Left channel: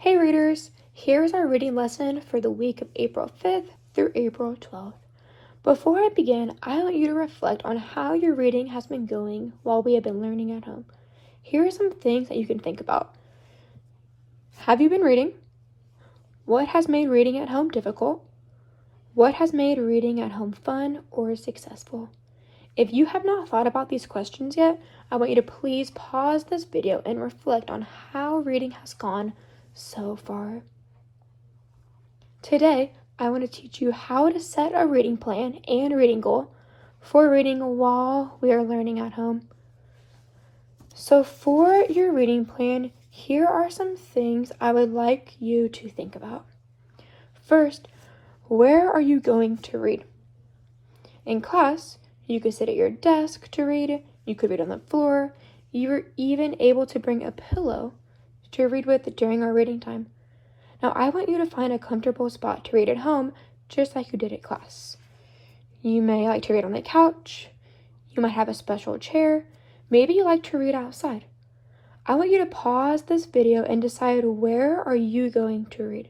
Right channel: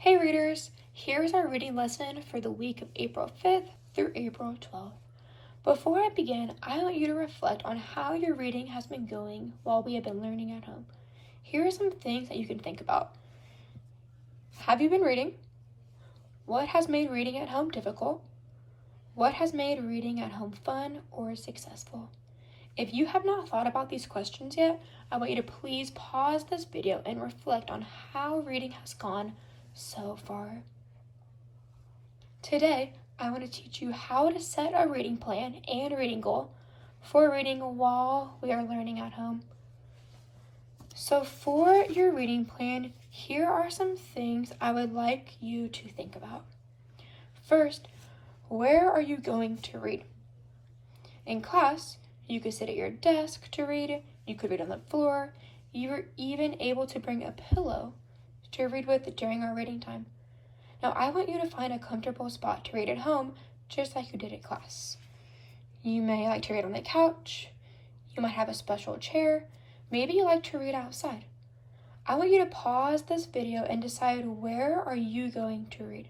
Hey readers, here's our reading lesson for the week of April 5th through April 12th. Before I begin, I want you to reflect on how your reading has been going while we have been learning at home. Here are some things that you can think about. Have you been reading? What has made reading at home difficult? What has made reading at home fun or successful? If you have not thought about these questions yet, I want you to please pause this video and reflect on how reading has gone so far. Today, I want to teach you how to set a reading plan and reading goal for reading while we are learning at home. So for your reading plan, here are some things I would like you to think about. First, where are you going to read? In class, you could sit at your desk to read, you could read on the floor, you're even able to bring a pillow to read with during our reading time. Now, I want you to find a comfortable spot to read at home, just like you did at class. You may like to read on the couch. You might have a special chair. Maybe you like to read outside. I want you to pause this video and decide, where are you going to read?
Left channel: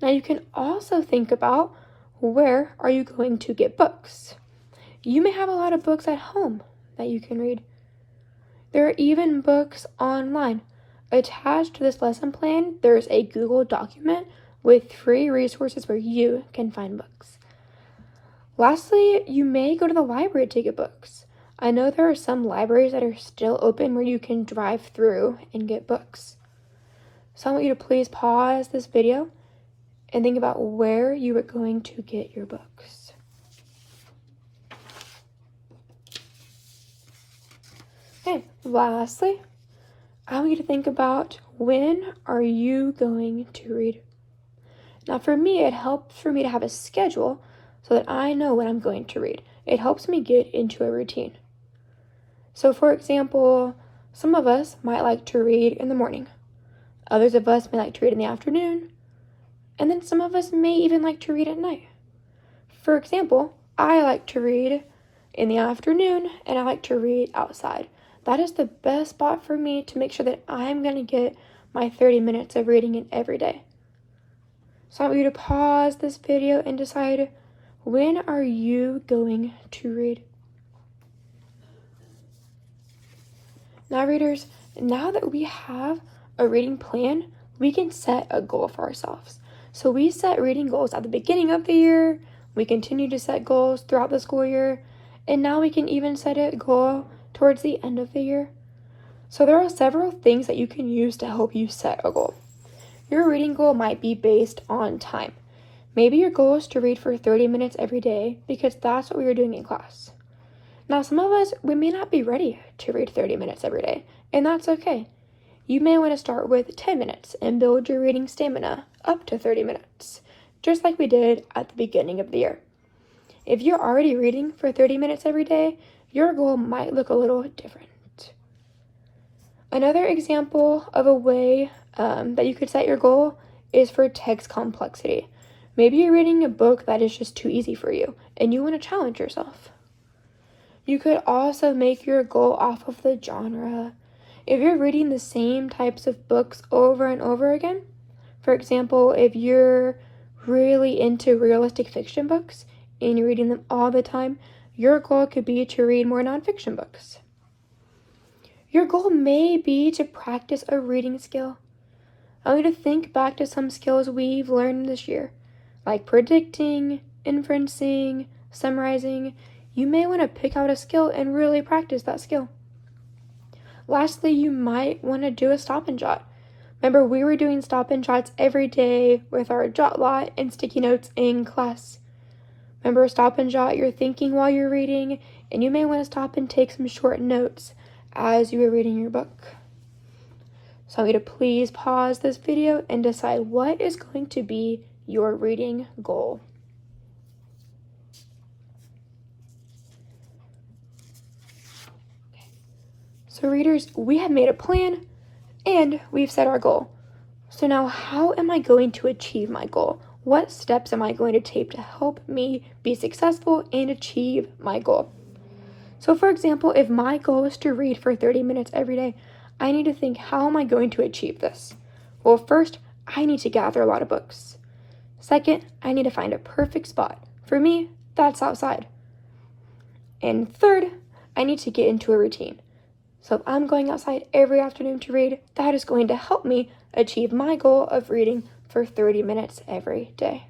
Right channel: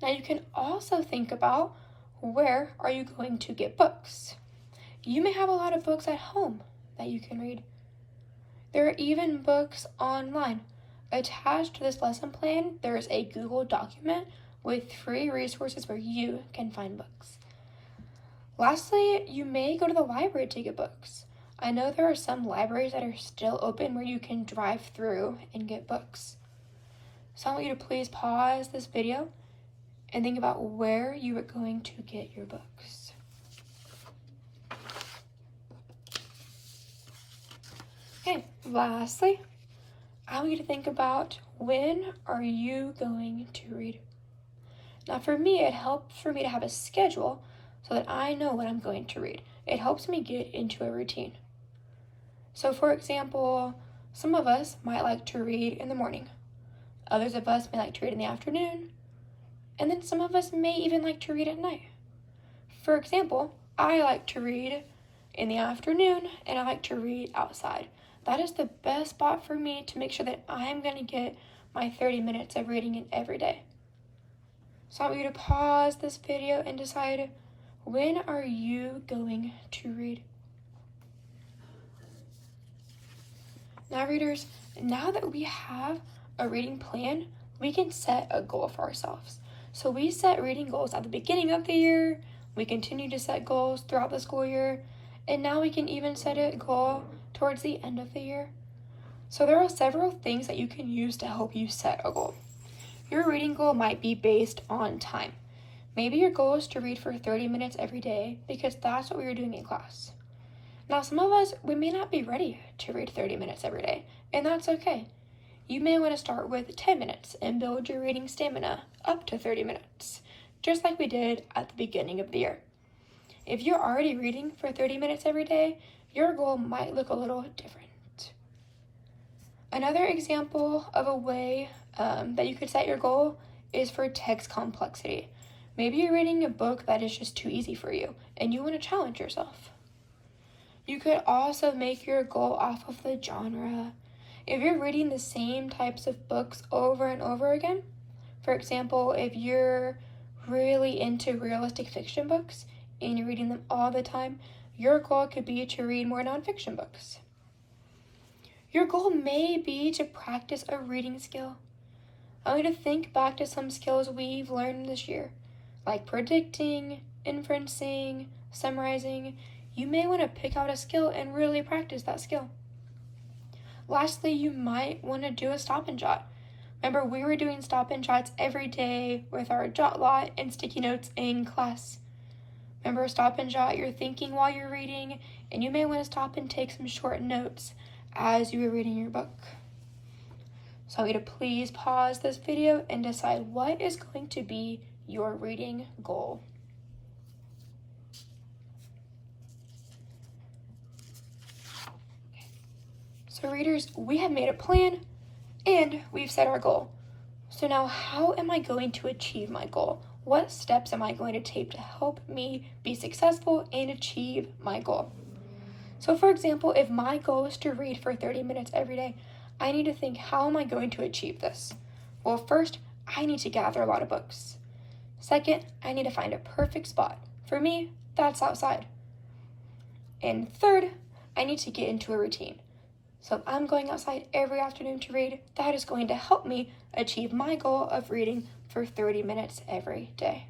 Now, you can also think about, where are you going to get books? You may have a lot of books at home that you can read. There are even books online. Attached to this lesson plan, there's a Google document with free resources where you can find books. Lastly, you may go to the library to get books. I know there are some libraries that are still open where you can drive through and get books. So I want you to please pause this video and think about where you are going to get your books. Okay, lastly, I want you to think about, when are you going to read? Now for me, it helps for me to have a schedule so that I know when I'm going to read. It helps me get into a routine. So for example, some of us might like to read in the morning. Others of us may like to read in the afternoon. And then some of us may even like to read at night. For example, I like to read in the afternoon and I like to read outside. That is the best spot for me to make sure that I'm going to get my 30 minutes of reading in every day. So I want you to pause this video and decide, when are you going to read? Now readers, now that we have a reading plan, we can set a goal for ourselves. So we set reading goals at the beginning of the year, we continue to set goals throughout the school year, and now we can even set a goal towards the end of the year. So there are several things that you can use to help you set a goal. Your reading goal might be based on time. Maybe your goal is to read for 30 minutes every day because that's what we are doing in class. Now some of us, we may not be ready to read 30 minutes every day, and that's okay. You may want to start with 10 minutes and build your reading stamina up to 30 minutes, just like we did at the beginning of the year. If you're already reading for 30 minutes every day, your goal might look a little different. Another example of a way that you could set your goal is for text complexity. Maybe you're reading a book that is just too easy for you and you want to challenge yourself. You could also make your goal off of the genre. If you're reading the same types of books over and over again, for example, if you're really into realistic fiction books and you're reading them all the time, your goal could be to read more nonfiction books. Your goal may be to practice a reading skill. I want you to think back to some skills we've learned this year, like predicting, inferencing, summarizing. You may want to pick out a skill and really practice that skill. Lastly, you might want to do a stop and jot. Remember, we were doing stop and jots every day with our jot lot and sticky notes in class. Remember, stop and jot, you're thinking while you're reading, and you may want to stop and take some short notes as you are reading your book. So I want you to please pause this video and decide what is going to be your reading goal. So readers, we have made a plan and we've set our goal. So now, how am I going to achieve my goal? What steps am I going to take to help me be successful and achieve my goal? So for example, if my goal is to read for 30 minutes every day, I need to think, how am I going to achieve this? Well, first, I need to gather a lot of books. Second, I need to find a perfect spot. For me, that's outside. And third, I need to get into a routine. So if I'm going outside every afternoon to read, that is going to help me achieve my goal of reading for 30 minutes every day.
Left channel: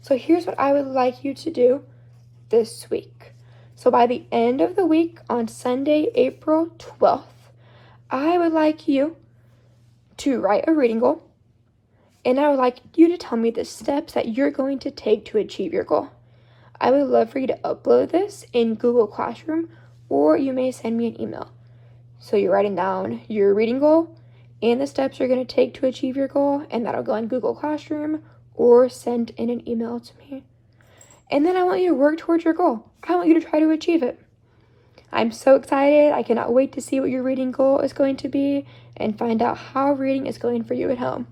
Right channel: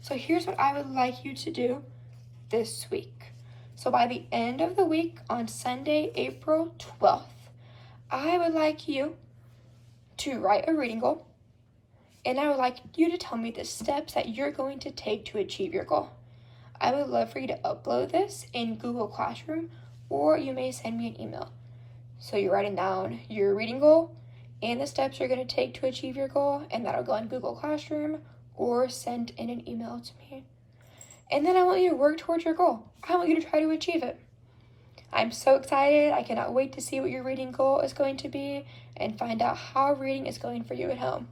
So here's what I would like you to do this week. So by the end of the week, on Sunday, April 12th, I would like you to write a reading goal, and I would like you to tell me the steps that you're going to take to achieve your goal. I would love for you to upload this in Google Classroom, or you may send me an email. So you're writing down your reading goal and the steps you're going to take to achieve your goal, and that'll go in Google Classroom or send in an email to me. And then I want you to work towards your goal. I want you to try to achieve it. I'm so excited. I cannot wait to see what your reading goal is going to be and find out how reading is going for you at home.